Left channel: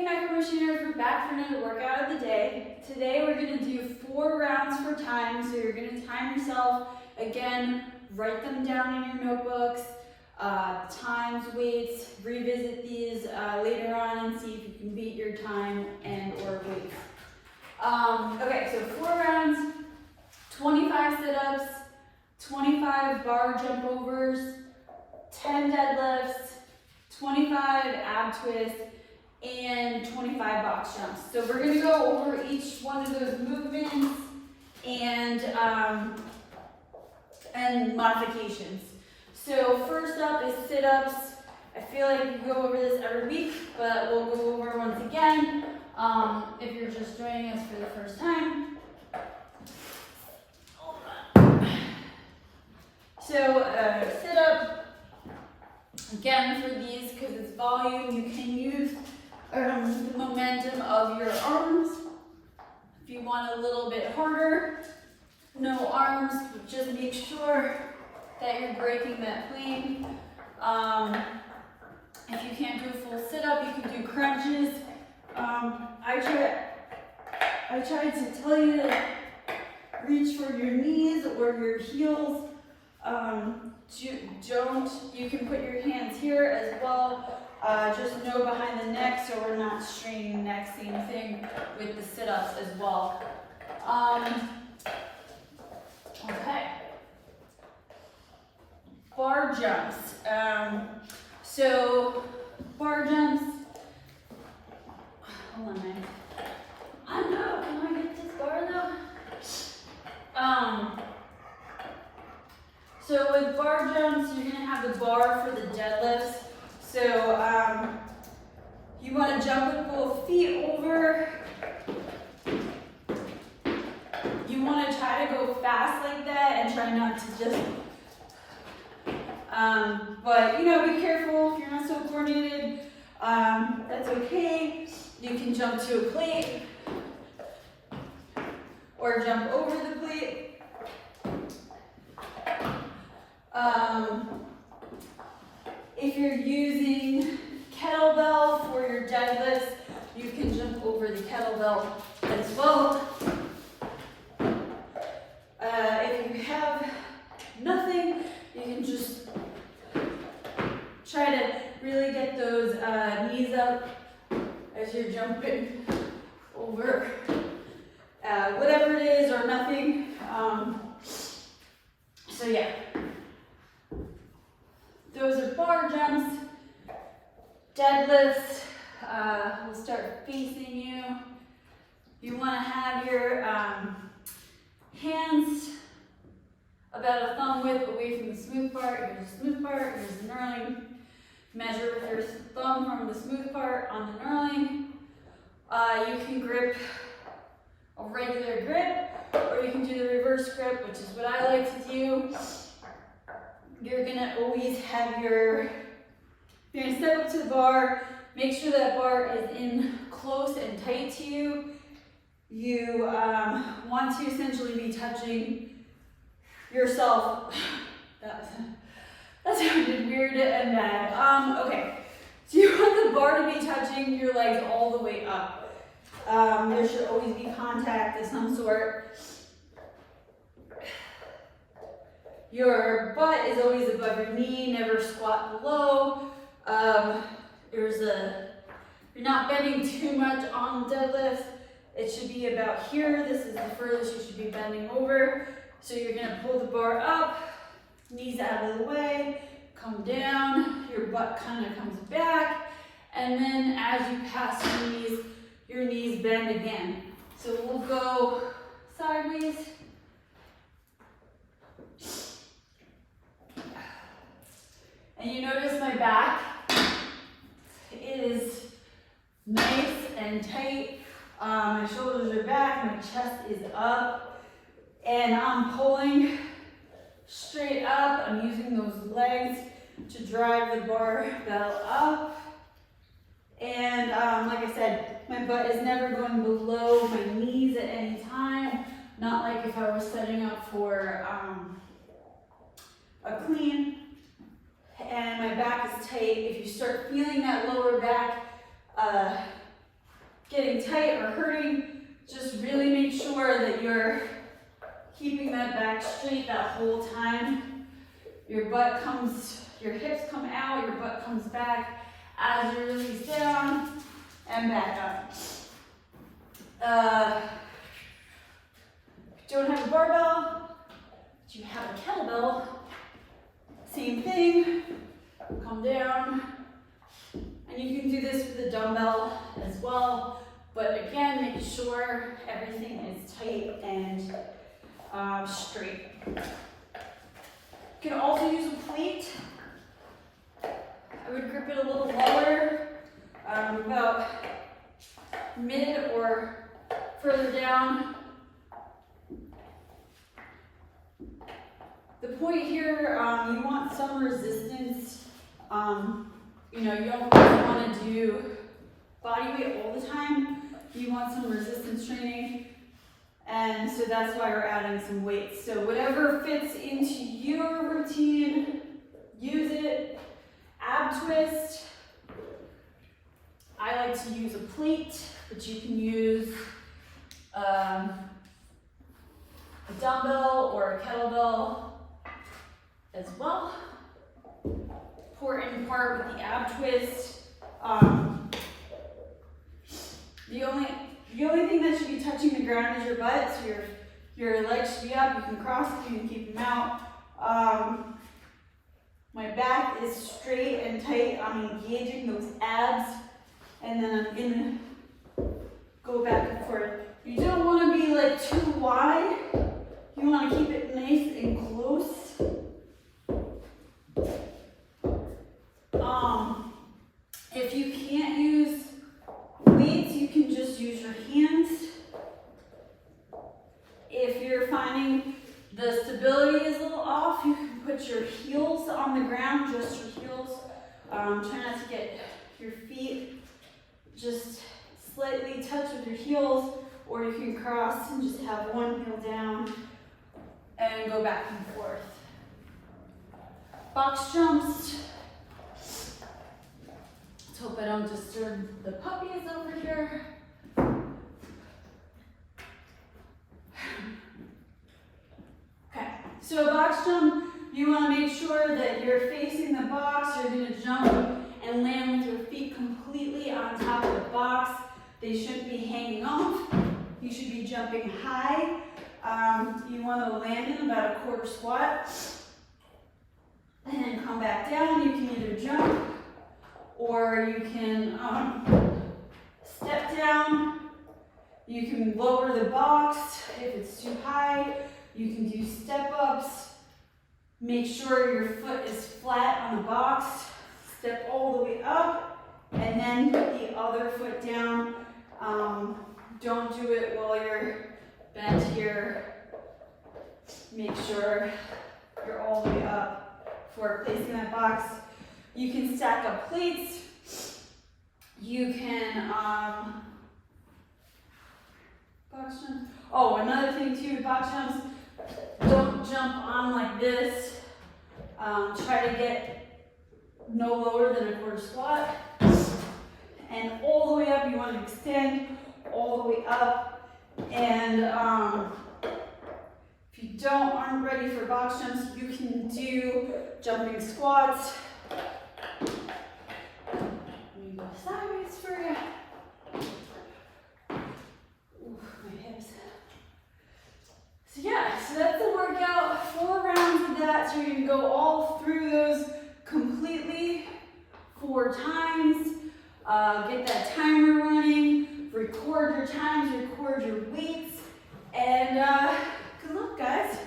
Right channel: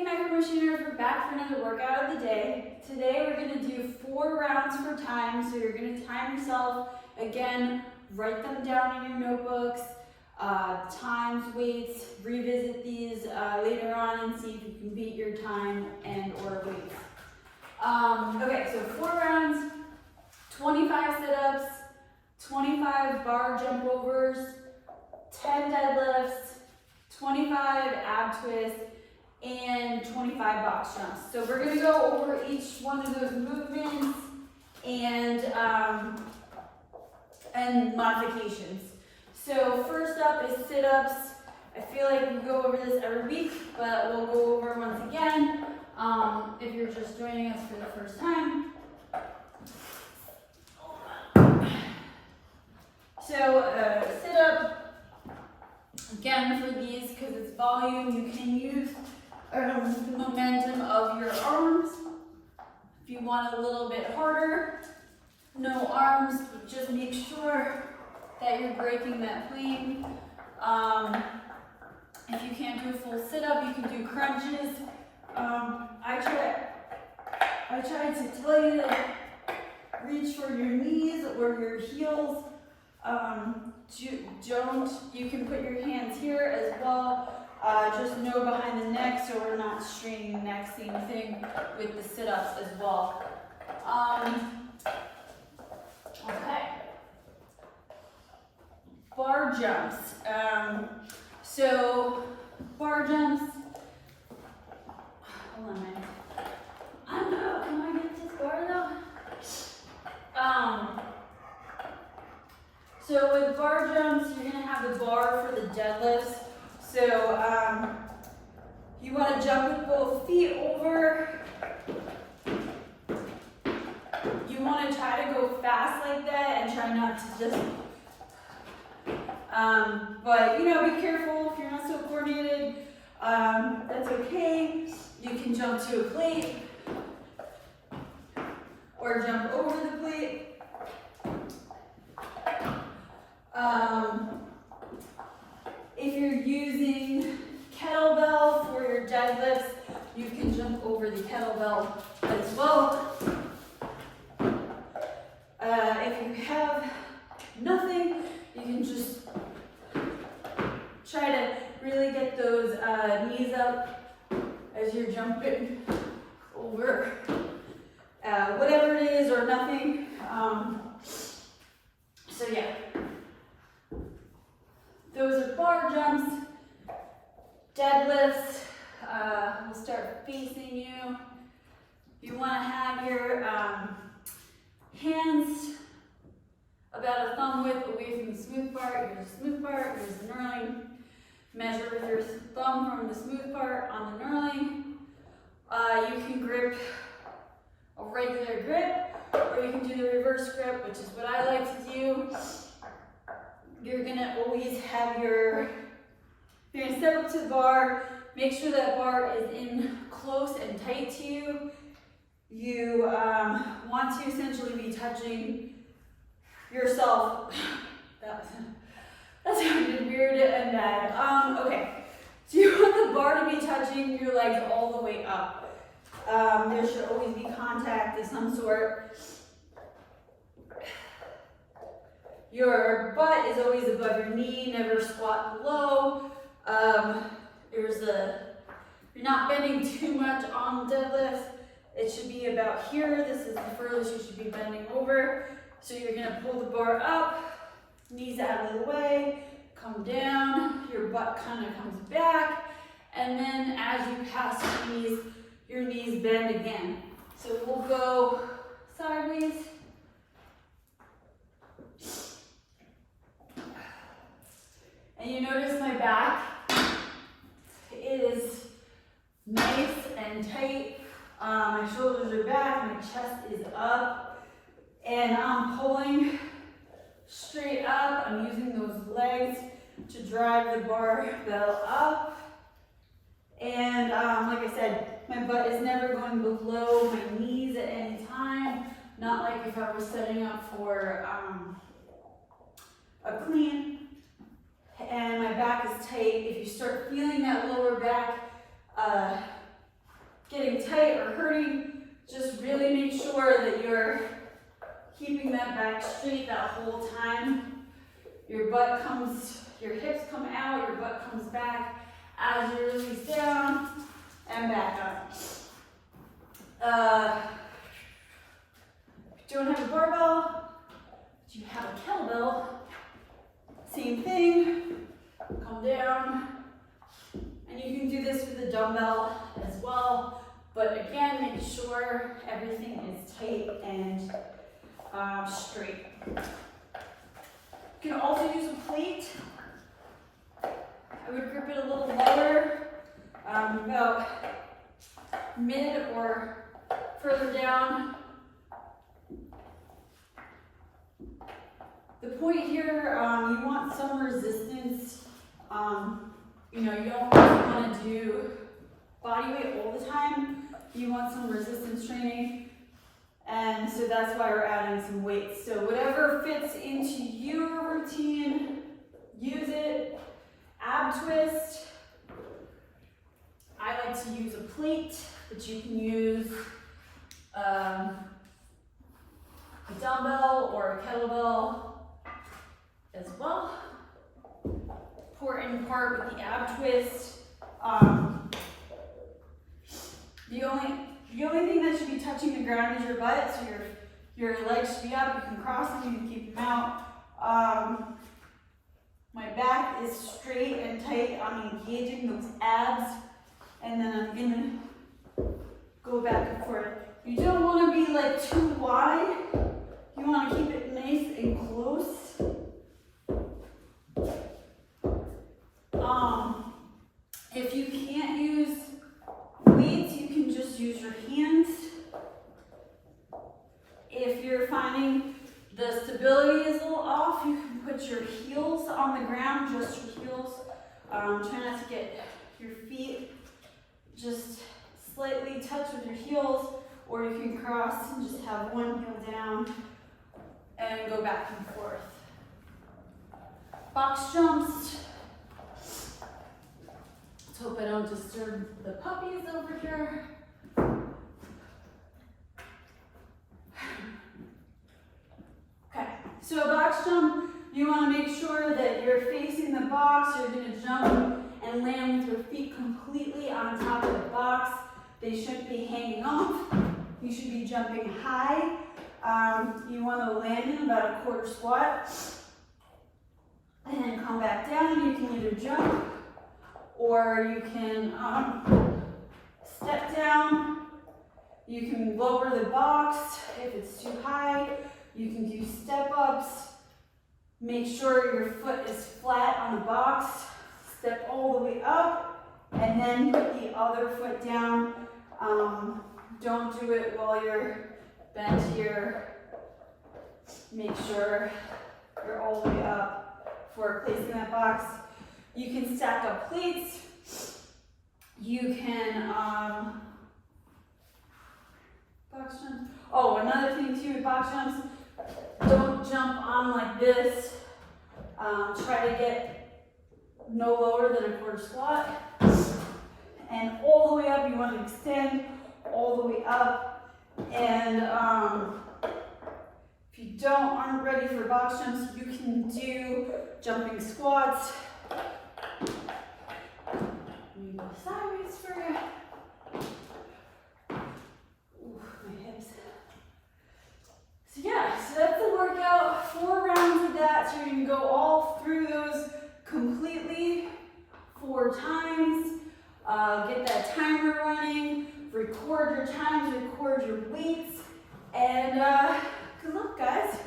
Hey Macromotioners, we're back for another workout of the day. Today we're going to do 4 rounds for time. So you're going to time yourself. Again, write them down in your notebooks. Times, weights, revisit these later on and see if you can beat your time and or weights. Okay, so 4 rounds, 25 sit-ups, 25 bar jump overs, 10 deadlifts, 25 ab twists, and 25 box jumps. So we're going to go over each one of those movements and modifications. So first up is sit-ups. I feel like we go over this every week, but we'll go over once again if you're just joining us for the first time. So sit-up, again for these, because it's volume, you can use the momentum of your arms. If you want a little bit harder, no arms, but just make sure that you're breaking that plane. If you can't do a full sit-up, you can do crunches. I tried to tell you to reach for your knees or your heels. You can put your hands here as well. Just no behind the neck so we're not straining the neck. Same thing with the sit-ups as well. Okay. Bar jumps. So bar jumps. Hold on a minute. I don't know. Can I get this bar though? So with bar jumps, you're gonna have the bar for the deadlifts. So you want to jump with both feet over. You want to try to go fast like that and try not to just, but you know, be careful if you're not so coordinated. That's okay. You can jump to a plate or jump over the plate. If you're using kettlebell for your deadlifts, you can jump over the kettlebell as well. If you have nothing, you can just try to really get those knees up as you're jumping over whatever it is or nothing. So yeah. Those are bar jumps. Deadlifts, we'll start facing you. You want to have your hands about a thumb width away from the smooth part. Here's the smooth part, here's the knurling. Measure with your thumb from the smooth part on the knurling. You can grip a regular grip, or you can do the reverse grip, which is what I like to do. You're gonna always have you're gonna step up to the bar, make sure that bar is in close and tight to you. You want to essentially be touching yourself. That sounded weird and bad. Okay, so you want the bar to be touching your legs all the way up. There should always be contact of some sort. Your butt is always above your knee, never squat below. You're not bending too much on deadlifts. It should be about here. This is the furthest you should be bending over. So you're gonna pull the bar up, knees out of the way, come down, your butt kind of comes back, and then as you pass your knees bend again. So we'll go sideways. And you notice my back is nice and tight. My shoulders are back, my chest is up, and I'm pulling straight up. I'm using those legs to drive the barbell up. And like I said, my butt is never going below my knees at any time. Not like if I was setting up for a clean. And my back is tight. If you start feeling that lower back getting tight or hurting, just really make sure that you're keeping that back straight that whole time. Your hips come out, your butt comes back as you release down and back up. If you don't have a barbell, but you have a kettlebell, same thing, come down. And you can do this with a dumbbell as well, but again, make sure everything is tight and straight. You can also use a plate. I would grip it a little lower, about mid or further down. The point here, you want some resistance. You know, you don't really want to do body weight all the time. You want some resistance training. And so that's why we're adding some weights. So whatever fits into your routine, use it. Ab twist. I like to use a plate, but you can use a dumbbell or a kettlebell as well. Important part with the ab twist. The only thing that should be touching the ground is your butt, so your legs should be up. You can cross them, you can keep them out. My back is straight and tight. I'm engaging those abs, and then I'm gonna go back and forth. You don't want to be like too wide. You want to keep it nice and close. If you can't use weights, you can just use your hands. If you're finding the stability is a little off, you can put your heels on the ground, just your heels. Try not to get your feet just slightly touch with your heels, or you can cross and just have one heel down and go back and forth. Box jumps. Let's hope I don't disturb the puppies over here. Okay, so a box jump, you want to make sure that you're facing the box. You're going to jump and land with your feet completely on top of the box. They shouldn't be hanging off. You should be jumping high. You want to land in about a quarter squat. And then come back down. You can either jump or you can step down. You can lower the box if it's too high. You can do step ups. Make sure your foot is flat on the box. Step all the way up and then put the other foot down. Don't do it while you're bent here. Make sure you're all the way up for placing that box. You can stack up plates. You can box jumps. Oh, another thing too with box jumps, don't jump on like this. Try to get no lower than a quarter squat. And all the way up, you want to extend all the way up. And if you aren't ready for box jumps, you can do jumping squats. Let me go sideways for you. Ooh, my hips. So yeah, so that's the workout. 4 rounds of that. So you're going to go all through those completely 4 times. Get that timer running. Record your times, record your weights. And good luck, guys.